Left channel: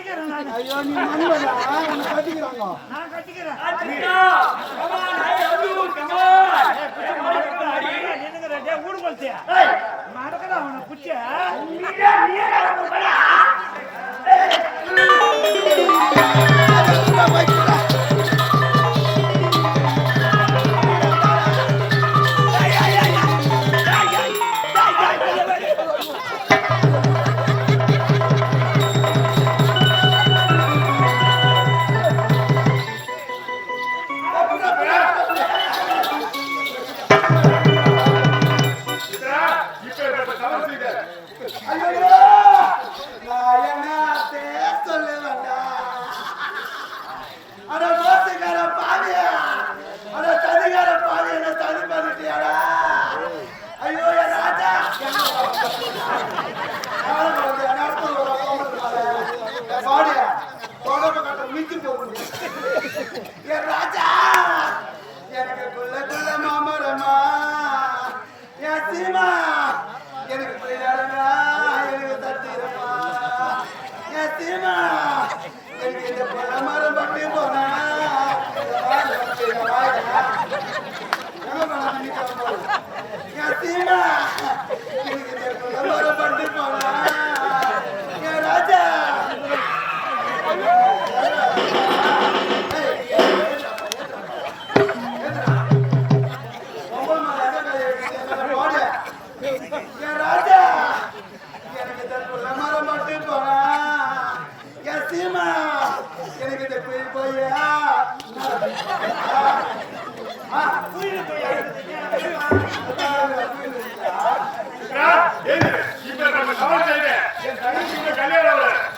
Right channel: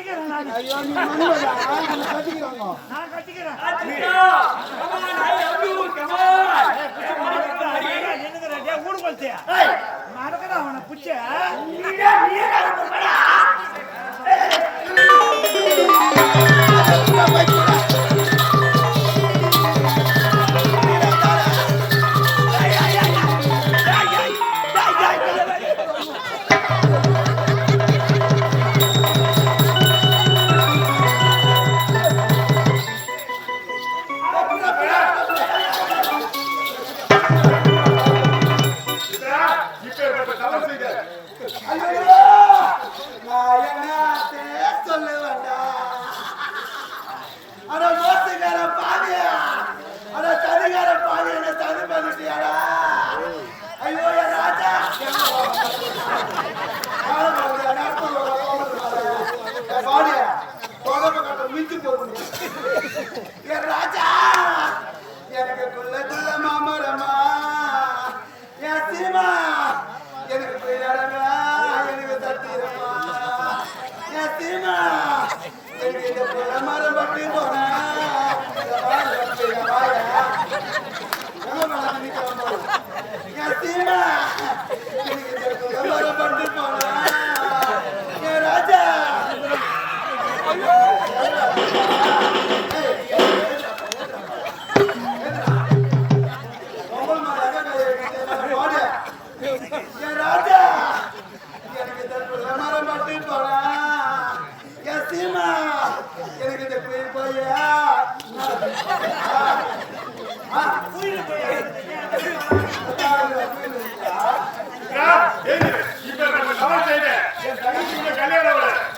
ஐயோ நீ நண்பரா நான் கட்டிக்கிறாங்க நான் கட்டிக்கிறேன் ஊடு கொளுத்தியா நடக்கடா அவனை புச்ச ராஜா எனக்கு குள்ள குள்ள மாமரமா என் சீமா எனக்கு பிள்ளடா எனக்கு தத்திரமா என் சீமா எனக்கு இந்த பிள்ளை மரம் பட்டு போனா என் சீமா எனக்கு இந்த பிள்ளை மரம் பட்டு போனா என் ராஜா எனக்கு இந்த கோயில் போயா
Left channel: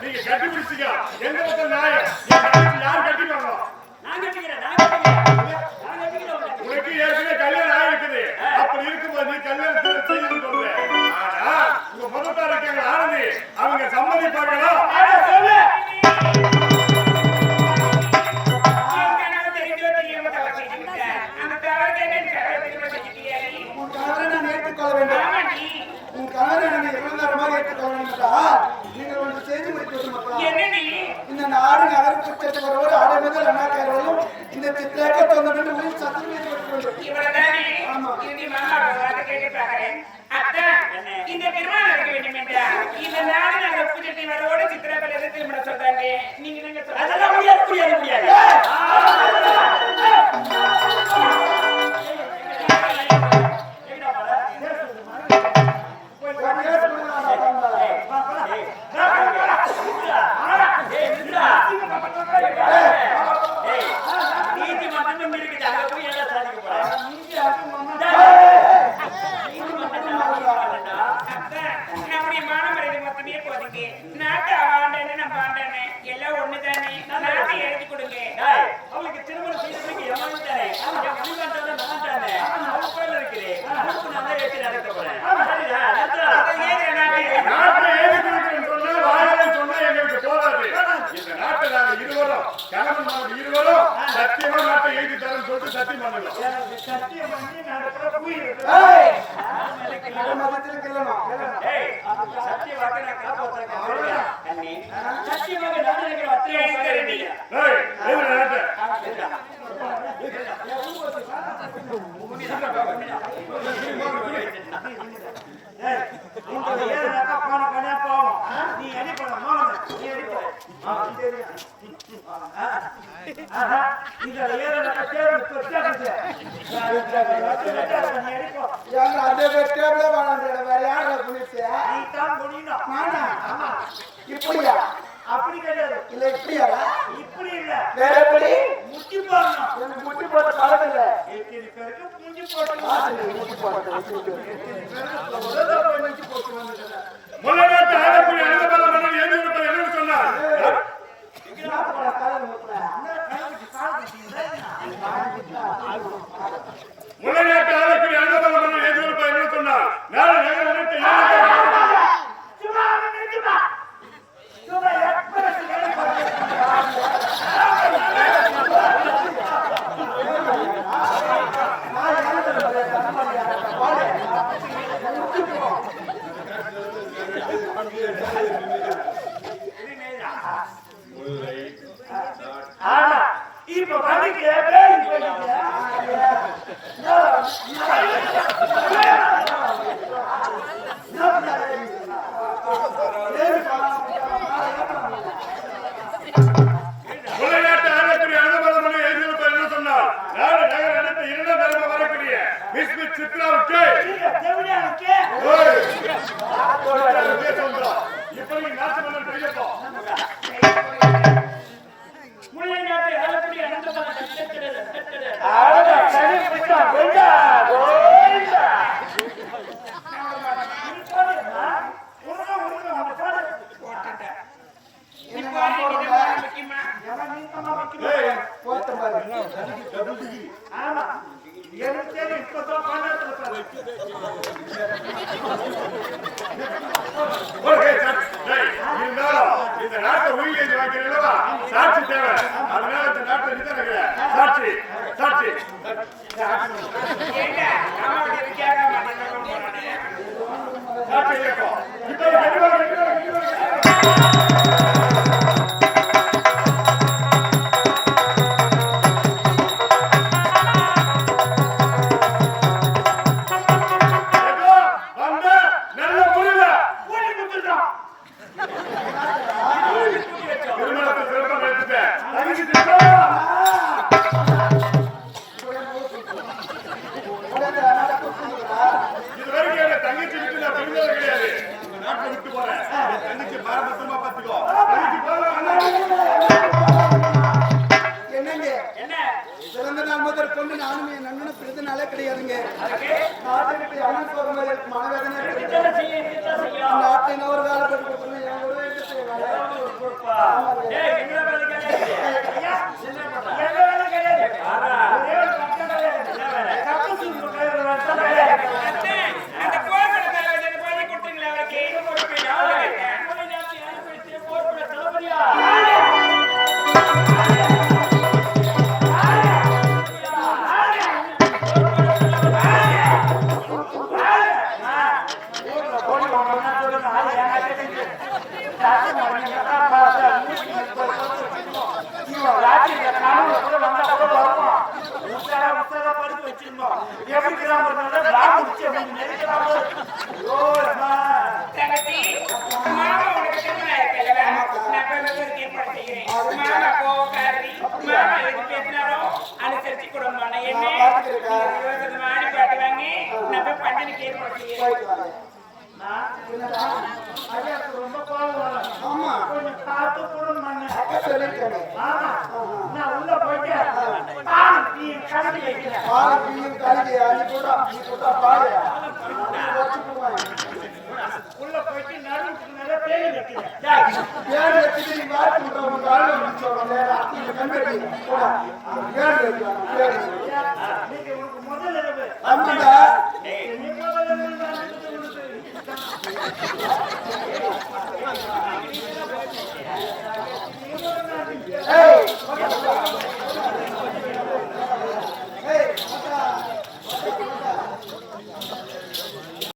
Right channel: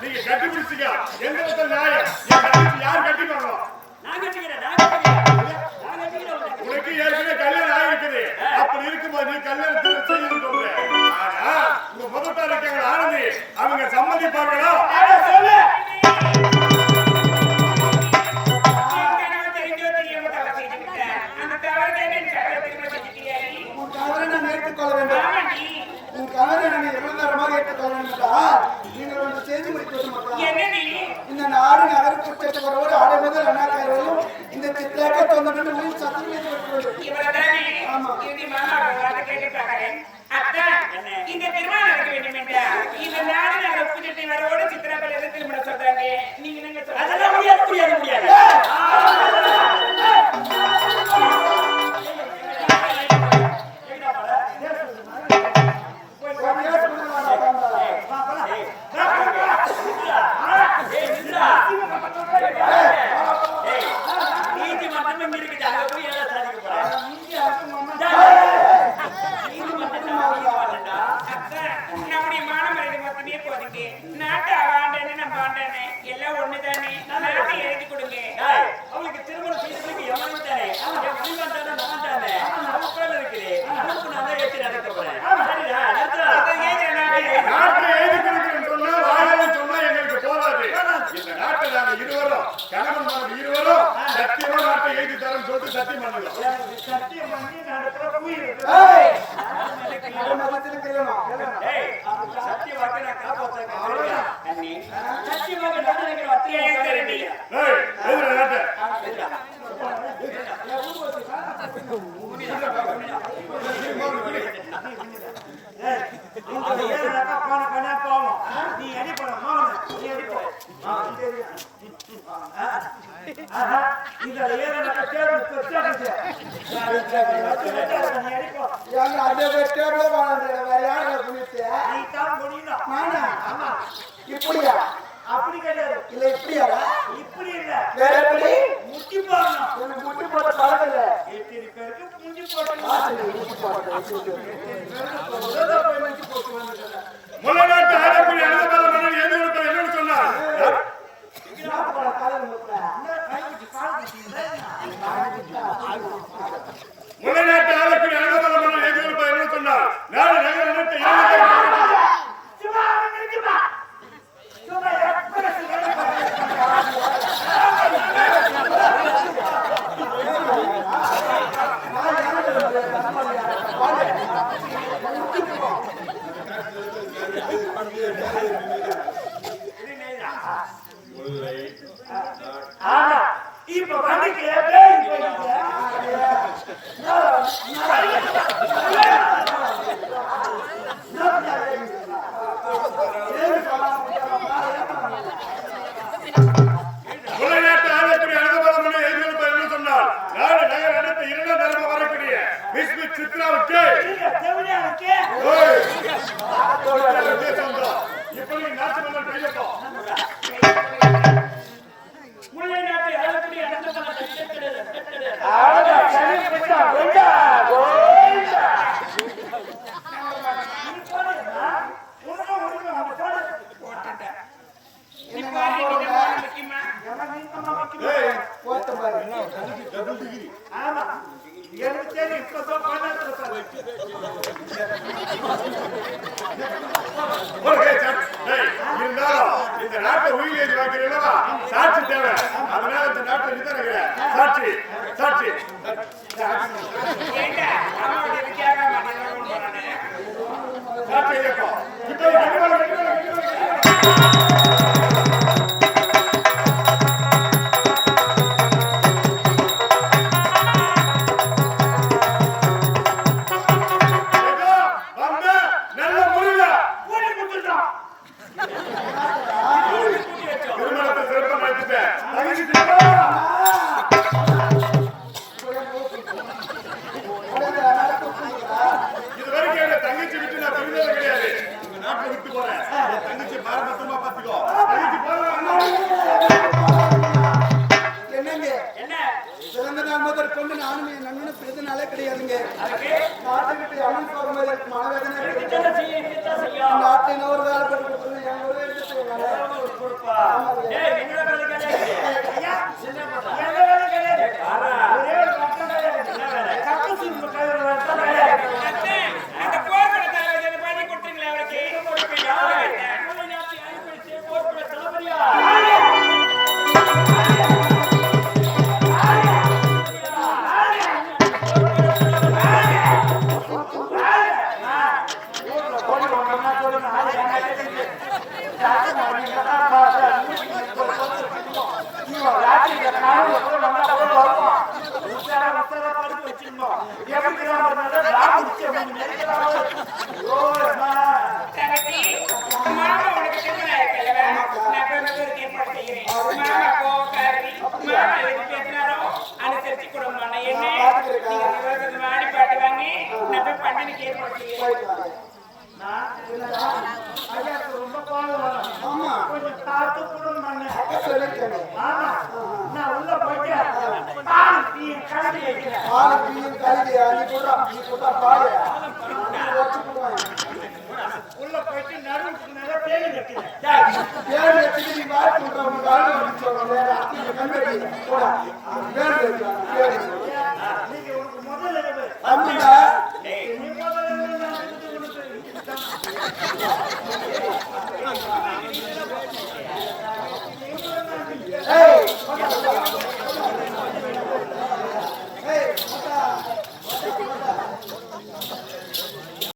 நீங்க கட்டி பிடிச்சிக்க எங்க யார் கட்டிப்பாங்க உனக்கு ஏற்கனவே கல்யாணம் ஆகிருக்குது அப்படி இருக்கும்போது நீ கல்யாணத்தை செய்து கொள்ற ஆனா உங்க முதல்ல இருக்காங்க ஆனந்தி அவங்க சம்மதிப்பார்களா இந்த நாடு நகரத்திற்கு ஆடல் அண்ணாக்காரோடு இந்த சித்திரத்தை உயிர் சத்தம் இந்த திருமணம் நடக்க வேண்டும் என்றால் இந்த நாடு நகர புதியத்தை வரோடு சித்திரப்பள்ளி திருமணம் சொல்றாங்க நீங்க அதெல்லாம் முடியாது நீதிமன்றம் இருக்குது அங்க போய் என்ன சாதிக்க போறேன் நம்முடைய மானமரியாதை மொத்தமே போதுங்க நாட்டை ஆண்டானே நம்ம ஆண்டானே எல்லாம் ஒண்ணுதானே நாட்டை எழுதி கொடுங்க அவளுக்கு திருமணம் செய்யறதுக்கு எவ்வளவு தானே என் வழிகாட்டான நான் தானே அவளுக்குள்ள இருக்குது நான் தான் ஏற்றி நடக்க போறேன் சரிடா நாட்டை எழுதி கொடுக்கிறேன்னு சொன்னா வாயிலும் சொன்னா எங்களுக்கு போதாது இந்த நாட்டை நாங்க இருவரும் கணவன் மனைவி இருவரும் சத்தியமா நாட்டை எழுதி தரேன்னு சொல்லிட்டு சத்தியம் பண்ணுங்க சத்தியம் பண்ணி நடக்கிற உயிர் சத்திய வாக்க நான் காப்பாற்ற கண்ணி சத்தியமாக நடக்கிற அத்தனை நீ அடிப்பட மாவன நீ அடிப்பட இதுல ஏதோ டேபிள் பெருசாக்குது நீ அடிப்போ நீ தான் முடியணும் ஆமா இப்படியா அப்படி கிடையாது இல்ல இப்படியாடா இப்படி இல்ல வேற எப்படி முட்டி போடணும் முட்டி போட காலத்துல எத்தனை பேருக்கு முட்டி போடணும் முள்ளநாட்டு ஆடக்கூடிய அனுபவம் என்னன்னு சொன்னா முள்ளநாட்டு ஆடக்கூடிய அனுபவம் என்னன்னு சொன்னா நான் நகரத்தை ஆனா இப்ப வண்டிக்கு பேய் போயிடுச்சு. முல்லைநாட்டு ஆலக்குடி அனுபவங்களை எழுதியிருப்ப என்ன சொன்னார்? நாடு நகர் அடுத்த 2 தலைமை வரக்கூடிய மிஸ் சித்ராவுக்கு தேவடியானுக்கு இப்படி நாட்டுமன்றம் கையெழுத்தோ முல்லை நாட்டை ஆளக்கூடிய அனந்தமன தட்டெடு போத்த பாரு. ஆமா எனக்கு தெரியும் இப்பதான் பண்ணாத்துல பாரு. இருந்தாலும் இந்த நாட்டை உயிர் வாக்கிறீங்களா சாட்சி தேவை. அதனால இந்த நாட்டை நிதான சாட்சி சாட்சி சாட்சி இயக்கம் தங்கச்சி விட்டு நான் பிரிந்தது கிடையாது. உங்க நாட்டை விட்டு போறேன். தங்கச்சி பாரபத்திரமா பாத்துக்கோ. என்னங்க என்ன பிறந்த நாள் முதல் கொண்டு நானும் என் நண்பனும் பிறந்த நாளே கிடையாதுங்க. நாட்டை விட்டு அண்ணன் போகிற மாதிரி எனக்கு மனவேதனை இருக்கு. இதெல்லாம் செய்யும் நாட்டை இன்னொரு வேலை பட்டு என் கூட எடுத்து செய்வாங்க. பொறுப்பா டேய் என்ன வேலை கேட்டே என்ன பண்ற என்ன வேலை கிடையாது. பாரா ஒரே ஒரு பக்கம் தான் இருக்கு. என்ன வேலை கட்டு சூப்பு கையில வந்தா அந்த கோபுர தலைவர் பண்ணி கொடுத்தீங்களா அவருக்கு முல்லை நாட்டை ஆளக்கூடிய போர்ப்பட தளபதியா தங்கச்சி மாமா உனக்கு திருமணம் இருக்குல்லவா நான் பெண்களுக்கு ஏற்பாடு செய்கிறேன். மாமா கோவக்காரி மாமா எதுக்கு பேசினாரோ அனுசரிச்சு கொடுமா. நான் என்ன நீங்க மாடி பாட்டு வாங்கி நான் போய் பண்டனுக்கு ஏற்பாடு செய்கிறேன். ரொம்ப பாவம் வரும். ஆமா கொஞ்சம் காத்து கூட மண்ணு. சொல்லிருக்கேங்க. ஆமா நான் உள்ள போயிட்டேன். பால் டீ கலந்து வைக்கிறேன். ஆளு பீயும் காலிதே நீ போடுறா பாரு. உள்ள போயிட்டு நடுவுக்கு நிறைய பேய் வைக்கிறேன். பேர் வச்சுட்டு நீ வாய் சொல்ற உனக்கு ஆளு வந்து சொல்றேன். நீ கண்பெட்டி போடா. பேர் வைக்கலாம். பேர் நீங்க உனக்கு முதல்ல இருக்கு. அம்மா நீ முதல்ல உனக்கு ஏய்